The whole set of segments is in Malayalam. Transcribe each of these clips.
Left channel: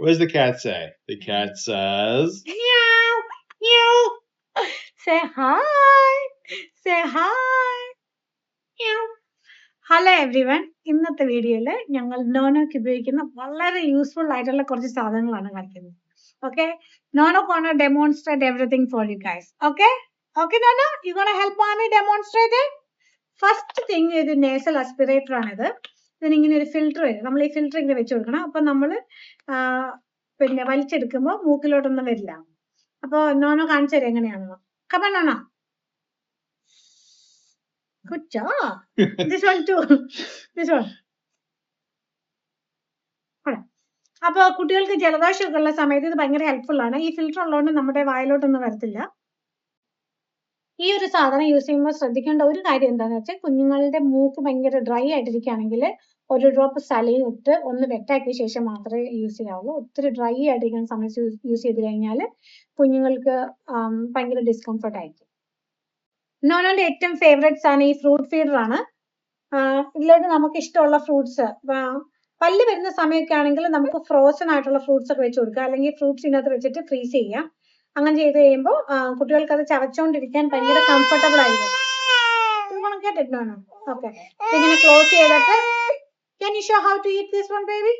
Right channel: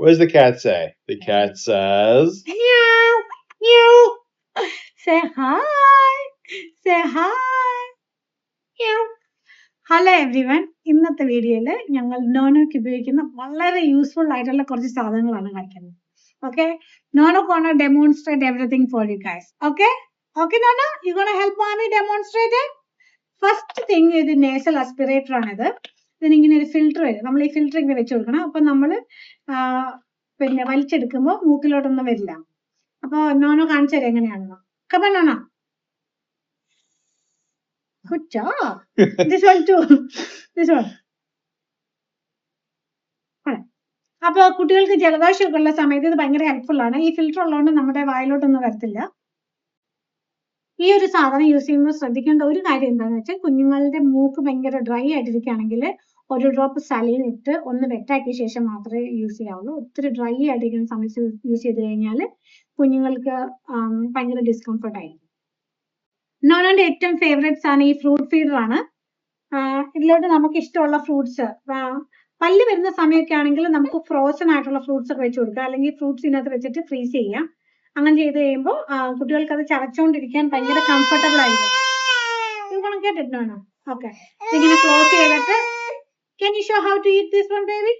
What does the cat say? The cat says, Meow, meow. Say hi. Say hi. Meow. Hello everyone, ഇന്നത്തെ വീഡിയോയിൽ ഞങ്ങൾ നോനോക്ക് ഉപയോഗിക്കുന്ന വളരെ യൂസ്ഫുൾ ആയിട്ടുള്ള കുറച്ച് സാധനങ്ങളാണ് കാണിക്കുന്നത്. Okay, no no gonna demonstrate everything for you guys. Okay okay no no, U gonna help മാമി ഡെമോൺസ്ട്രേറ്റ്. ഫസ്റ്റ് തിങ്, ഇത് നേസൽ അസ്പിറേറ്റർ ആണിത്. ഇതിനിങ്ങനെ ഒരു ഫിൽറ്റർ വരും. നമ്മൾ ഈ ഫിൽറ്റർ ഇങ്ങനെ വെച്ച് കൊടുക്കണം. അപ്പം നമ്മൾ പിന്നെ വലിച്ചെടുക്കുമ്പോൾ മൂക്കിലോട്ടൊന്നും വരില്ല. അപ്പോൾ നോനോ കാണിച്ചു തരാം എങ്ങനെയാണെന്ന്. Come on no no. Good job. This one too. This one. അപ്പോൾ കുട്ടികൾക്ക് ജലദോഷമൊക്കെ ഉള്ള സമയത്ത് ഇത് ഭയങ്കര ഹെൽപ്ഫുൾ ആണ്. ഈ ഫിൽറ്റർ ഉള്ളതുകൊണ്ട് നമ്മുടെ വായിലോട്ടൊന്നും വരത്തില്ല. ഈ ഒരു സാധനം യൂസ് ചെയ്യുമ്പോൾ ശ്രദ്ധിക്കേണ്ട ഒരു കാര്യം എന്താണെന്ന് വെച്ചാൽ, കുഞ്ഞുങ്ങളുടെ മൂക്ക് ഭയങ്കര ഡ്രൈ ആയിട്ടിരിക്കുകയാണെങ്കിൽ ഒരു ഡ്രോപ്പ് സലൈൻ ഇട്ട് ഒന്ന് വെറ്റാക്കിയ ശേഷം മാത്രമേ യൂസ് ചെയ്യാവുള്ളൂ. ഒത്തിരി ഡ്രൈ ആയിട്ടിരിക്കുന്ന സമയത്ത് യൂസ് ചെയ്ത് കഴിഞ്ഞാൽ കുഞ്ഞുങ്ങൾക്ക് ഭയങ്കര ഡിസ്കംഫർട്ട് ആയിരിക്കും. നോനോന്റെ ഏറ്റവും ഫേവറേറ്റ്സ് ആണ് ഈ ഫ്രൂട്ട് ഫീഡർ ആണ്. ഇതിലോട്ട് നമുക്ക് ഇഷ്ടമുള്ള ഫ്രൂട്ട്സ്, പല്ല് വരുന്ന സമയമൊക്കെ ആണെങ്കിൽ നമുക്ക് ഫ്രോസൺ ആയിട്ടുള്ള ഫ്രൂട്ട്സ് ഒക്കെ വെച്ച് കൊടുക്കുക, അല്ലെങ്കിൽ ഫ്രൂട്ട്സ് ഇതിനകത്ത് വെച്ചിട്ട് ഫ്രീസ് ചെയ്യാം. അങ്ങനെ ചെയ്ത് കഴിയുമ്പോൾ കുട്ടികൾക്ക് അത് ചവച്ചുകൊണ്ടിരിക്കാൻ ഭയങ്കര കംഫർട്ടബിൾ ആയിരിക്കും. കേട്ടിട്ടോ? ഓക്കെ, ഇങ്ങനെ ക്ലോസ് ചെയ്തിട്ട്, can you show how to eat this one, baby?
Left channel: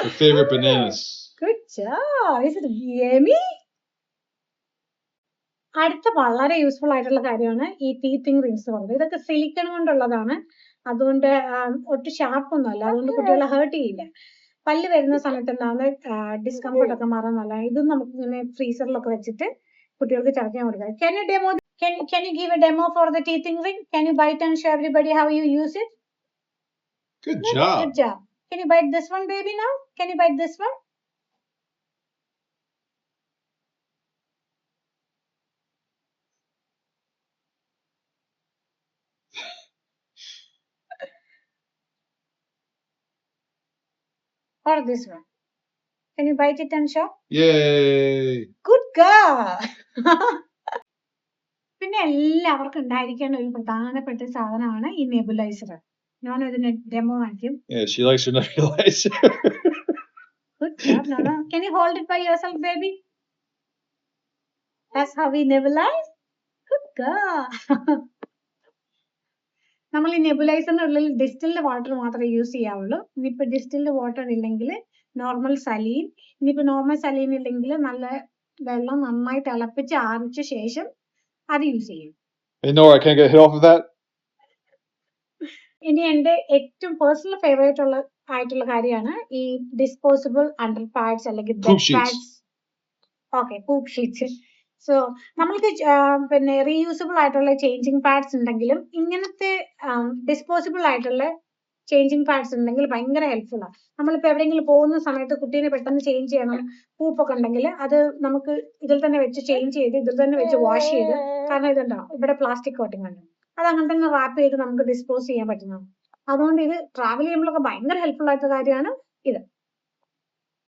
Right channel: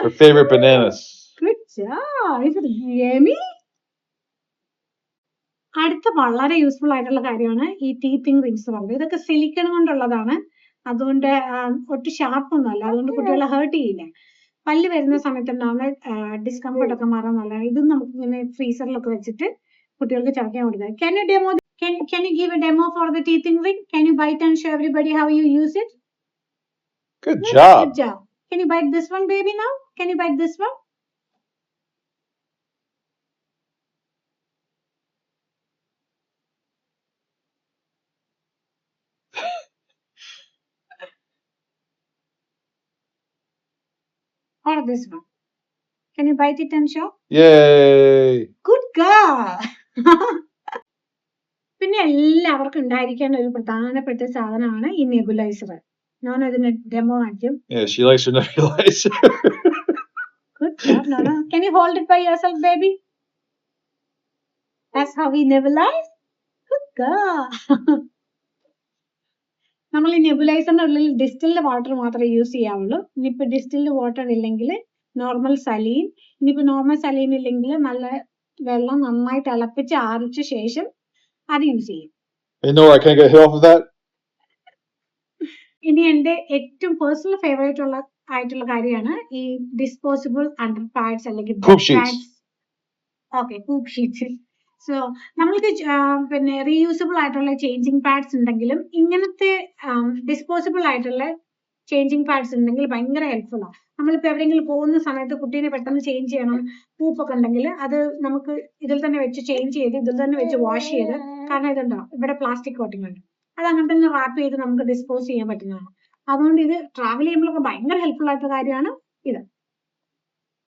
her favorite bananas. Good job. Is it yummy? അടുത്ത വളരെ യൂസ്ഫുൾ ആയിട്ടുള്ള കാര്യമാണ് ഈ ടീത്തിങ് റിങ്സ് പറയുന്നത്. ഇതൊക്കെ സിലിക്കൺ കൊണ്ടുള്ളതാണ്, അതുകൊണ്ട് ഒട്ടും ഷാർപ്പൊന്നും അല്ല, അതുകൊണ്ട് കുട്ടികളെ ഹേർട്ട് ചെയ്യില്ല. പല്ല് വരുന്ന സമയത്ത് ഉണ്ടാവുന്ന ഡിസ്കംഫർട്ട് ഒക്കെ മാറാൻ നല്ലതാണ്. ഇതും നമുക്ക് ഇങ്ങനെ ഫ്രീസറിലൊക്കെ വെച്ചിട്ട് കുട്ടികൾക്ക് ചവയ്ക്കാൻ കൊടുക്കുക. Can you give a demo for the teething ring? Can you bite and show everybody how you use it? Good job. Good job. Can you bite this one, baby, now? Can you bite this one? Or this one? Can you bite it and show? Yay! Good girl. പിന്നെ എല്ലാവർക്കും ഉണ്ടായിരിക്കേണ്ട ഒരു പ്രധാനപ്പെട്ട സാധനമാണ് ഈ നെബുലൈസർ. നോനോ ഇതിന് ഡെമോ കാണിക്കും. Yeah, she likes her nebulizer. Good job, Nono. Can you hold it by yourself, baby? That's how we nebulize. Good girl. നമ്മൾ ഈ നെബുലൈസറിനുള്ളിൽ ഡിസ്റ്റിൽഡ് വാട്ടർ മാത്രമേ യൂസ് ചെയ്യാവുള്ളൂ. ഇനിയിപ്പോൾ ഡിസ്റ്റിൽഡ് വാട്ടർ ഇല്ലെങ്കിൽ നോർമൽ സലീൻ, ഇനിയിപ്പോൾ നോർമൽ സലീൻ ഇല്ലെങ്കിൽ നല്ല വെള്ളം നന്നായി തിളപ്പിച്ച് ആറിച്ച ശേഷം അത് യൂസ് ചെയ്യും. Can I get hit off of that? ഇനി എൻ്റെ ഏറ്റവും പേഴ്സണൽ ഫേവറേറ്റ് ആയിട്ടുള്ള കാര്യമാണ് ഈ ഡിസ്പോസിബിൾ അണ്ടർ പാഡ്സ് അല്ലെങ്കിൽ pads. Okay, poop sheets. So നമ്മൾക്ക് പിന്നെ റീയൂസബിൾ ആയിട്ടുള്ള ചേഞ്ചിങ് പാഡ്സ് ഉണ്ടെങ്കിലും ഇങ്ങനത്തെ ഡിസ്പോസിബിൾ ആയിട്ടുള്ള ചേഞ്ചിങ് പാഡ്സ് ഉണ്ടെങ്കിൽ ഭയങ്കര ഹെൽപ്ഫുൾ ആണ്. നമ്മളിപ്പോൾ എവിടെയെങ്കിലും പോകുന്ന സമയത്ത് കുട്ടീനെ പെട്ടെന്ന് ചേഞ്ച് ചെയ്യണം, പൂപ്പൊക്കെ ഉണ്ടെങ്കിൽ അത് നമുക്ക് ഇതിൽ തന്നെ വെച്ച് ചേഞ്ച് ചെയ്ത് ഇതിൽ തന്നെ വെച്ച് വാഷ് ചെയ്ത്, കാരണം ഇതുണ്ടാവും ഇവിടെ പ്ലാസ്റ്റിക് കോട്ടിംഗ് ഉണ്ട്, അത് അങ്ങനെ തന്നെ റാപ്പ് ചെയ്ത് നമുക്ക് ഡിസ്പോസ് ചെയ്യാൻ പറ്റുന്നതാണ്. അതുകൊണ്ട് ഇത് ട്രാവൽ ചെയ്യുമ്പോഴൊക്കെ ഭയങ്കര ഹെൽപ്ഫുൾ ആയിട്ടുള്ള കാര്യമാണ് ഇത്.